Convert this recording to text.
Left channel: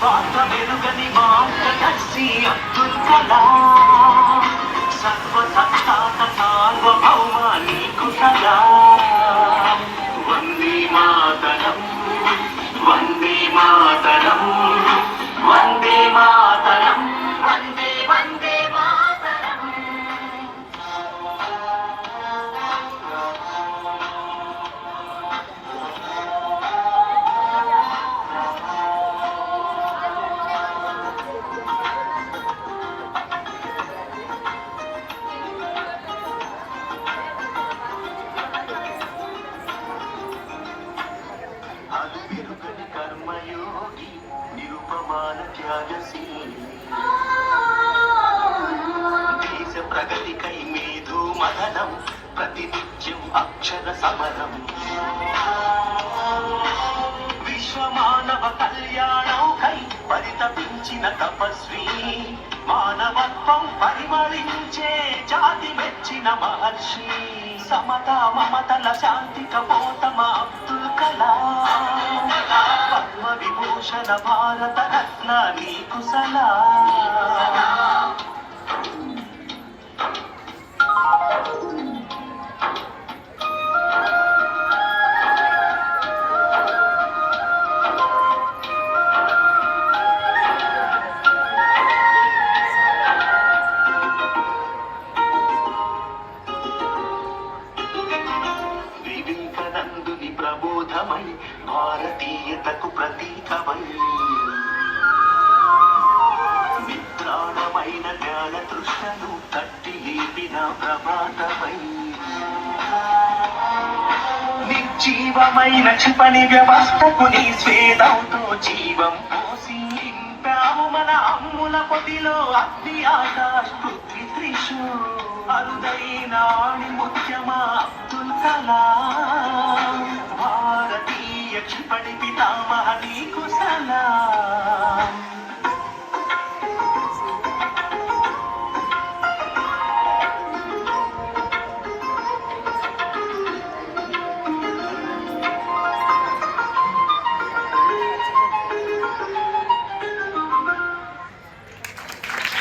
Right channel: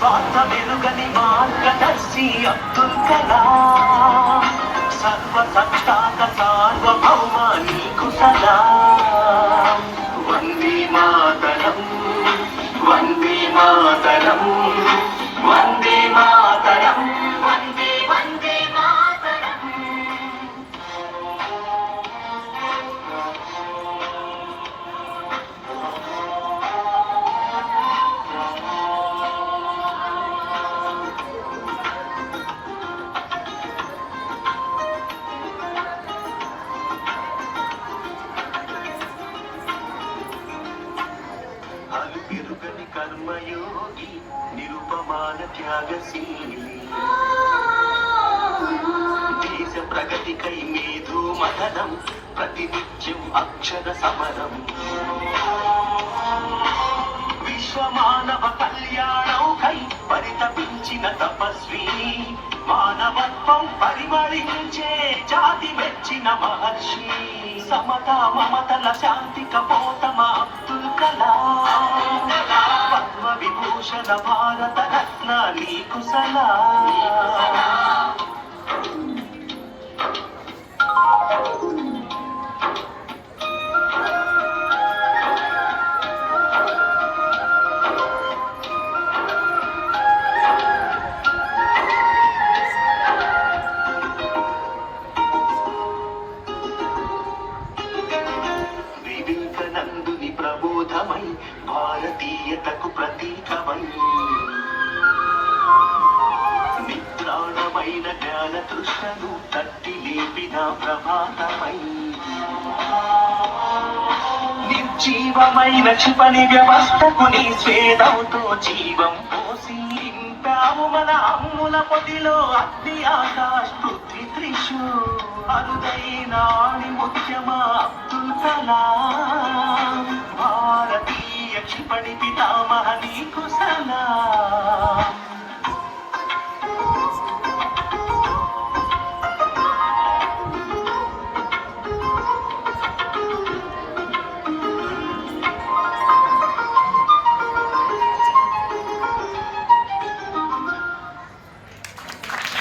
స్వార్థ వెలుగని మార్గదర్శి అబ్దుల్ కలాం సర్వసత్తాక సార్వభౌమ నీకు సలాం వందే మాతరం వందే మాతరం వందే మాతరం వందే వందే మాతరం. అలు పెరుగని కర్మయోగి నిరుపమాన త్యాగశీలి దేశ ప్రగతికై మేధో మదనం ప్రతినిత్యం అక్షర సమరం విశ్వమానవ కళ్యాణౌకై పరితపించిన తపస్వి మానవత్వం పరిమళించే జాతి మెచ్చిన మహర్షి సమతా మమతల శాంతి కపోతమ అబ్దుల్ కలాం పద్మ విభూషణ భారత రత్న నీకు సలాం. వివేకానందుని ప్రబోధమై భారతీయతకు ప్రతీకమై నిద్రాణమైన జ్ఞాన తృష్ణను తట్టి లేపిన ప్రభాతమై నిర్జీవమైన క్షిపణి వ్యవస్థకు నీ స్వేదంతో జీవం పోసి నింపాము మన అమ్ముల పొదిలో అగ్ని ఆకాశ్ పృథ్వీ త్రిషు అరుదైన ముఖ్యమా అబ్దుల్ కలాం భారతీయ క్షిపణి పితామహ నీకు సలాం.